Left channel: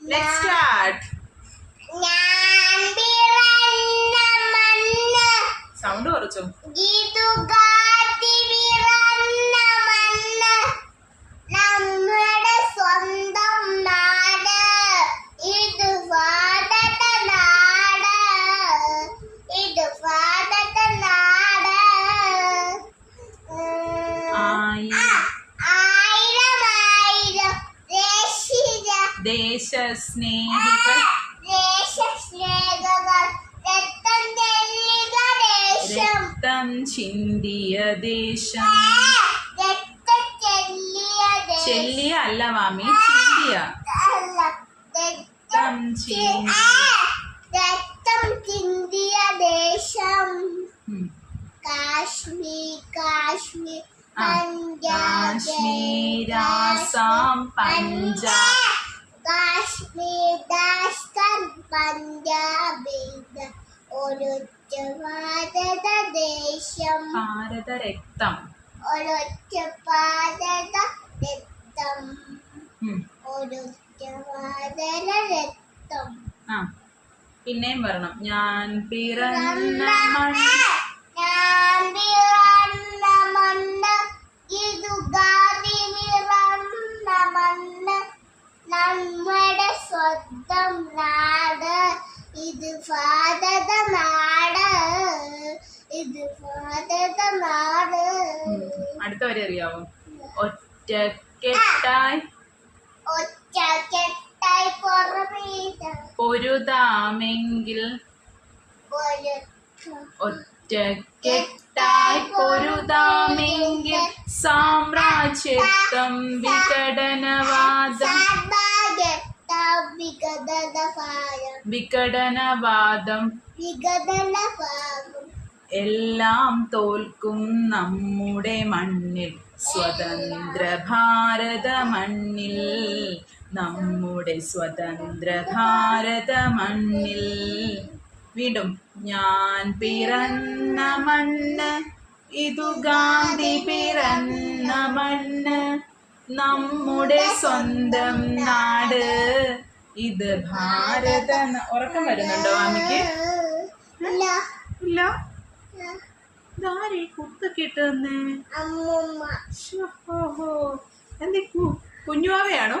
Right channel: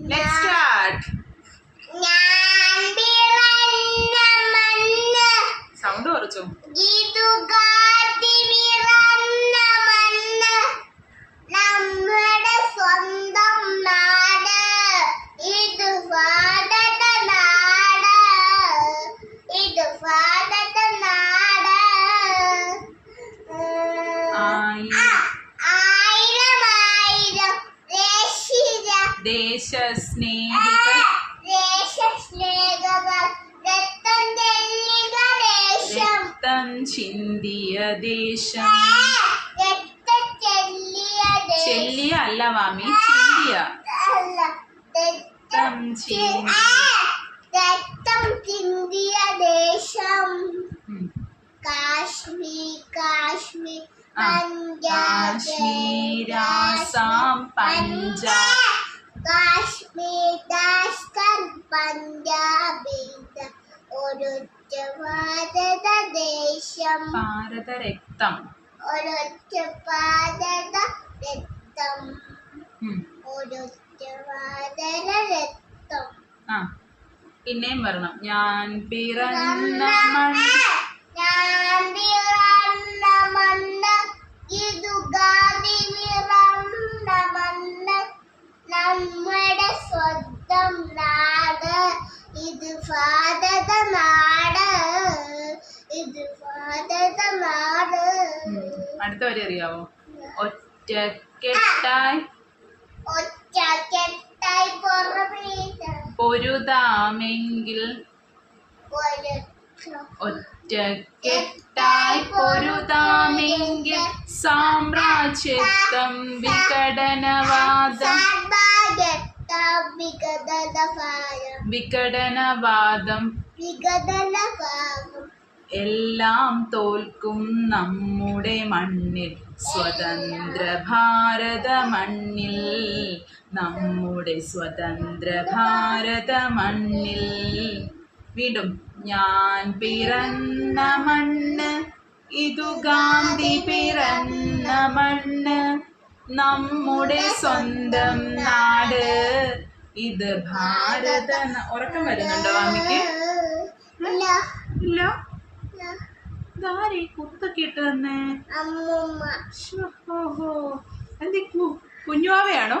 Let's start. Sound കുറച്ചു. നമ്മുടെ സ്വന്തം നാട് ഇത് ഭാരത നാട് ഇത് ഭാരത നാട് ആയിരം ആയിരം ദേശസ്നേഹികൾ രക്തം ചിന്തിയ ദേശം ചെല്ലിയ അല്ല മാമി ചിന്തിയ രക്തം ചിന്തിയ ദേശം കാശ്മീർ കാശ്മീർ കാശ്മീർ ആസാം പഞ്ചാബ് കാശ്മീർ രാജസ്ഥാൻ പഞ്ചാബ് ഒരൊറ്റ ഭാരത ദേശം ഭാരതരക്തം ഒരൊറ്റ ഭാരത രക്തം ഒരൊറ്റ ഭാരത രക്തം പിന്നെയും വരണം ഞാൻ പിറന്ന മണ്ണ് ഇതു ഗാന്ധി പിറന്ന മണ്ണ് നമ്മുടെ സ്വന്തം നാട് ഇത് ഭാരത നാട് ഇത് ഭാരത നാട്. അടുത്ത വരെ അറിയാവോ? ഒറ്റക്കെട്ടായി പൊരുതാമെങ്കിൽ ഒറ്റക്കെട്ടായി പൊരുതാമെങ്കിൽ സാമ്രാജ്യത്വം വിഘടനവാദം എല്ലാം തോൽക്കും നമ്മുടെ മണ്ണിൽ സ്വതന്ത്ര ഭാരത മണ്ണിൽ നമ്മുടെ സ്വതന്ത്ര ഭാരത മണ്ണിൽ. വീണ്ടും ഞാൻ പിറന്ന മണ്ണ് ഇതു ഗാന്ധി പിറന്ന മണ്ണ് നമ്മുടെ സ്വന്തം നാട് ഇത് ഭാരത. ഉറക്കം വരുന്നുണ്ടോ അമ്മയ്ക്ക്? ഇല്ല. ഇതാരെ കുത്തൊക്കെ ഇട്ട് തന്നെ? അമ്മൂമ്മ. ഓഹോ, എന്തി കുഞ്ഞുവാവയാണോ?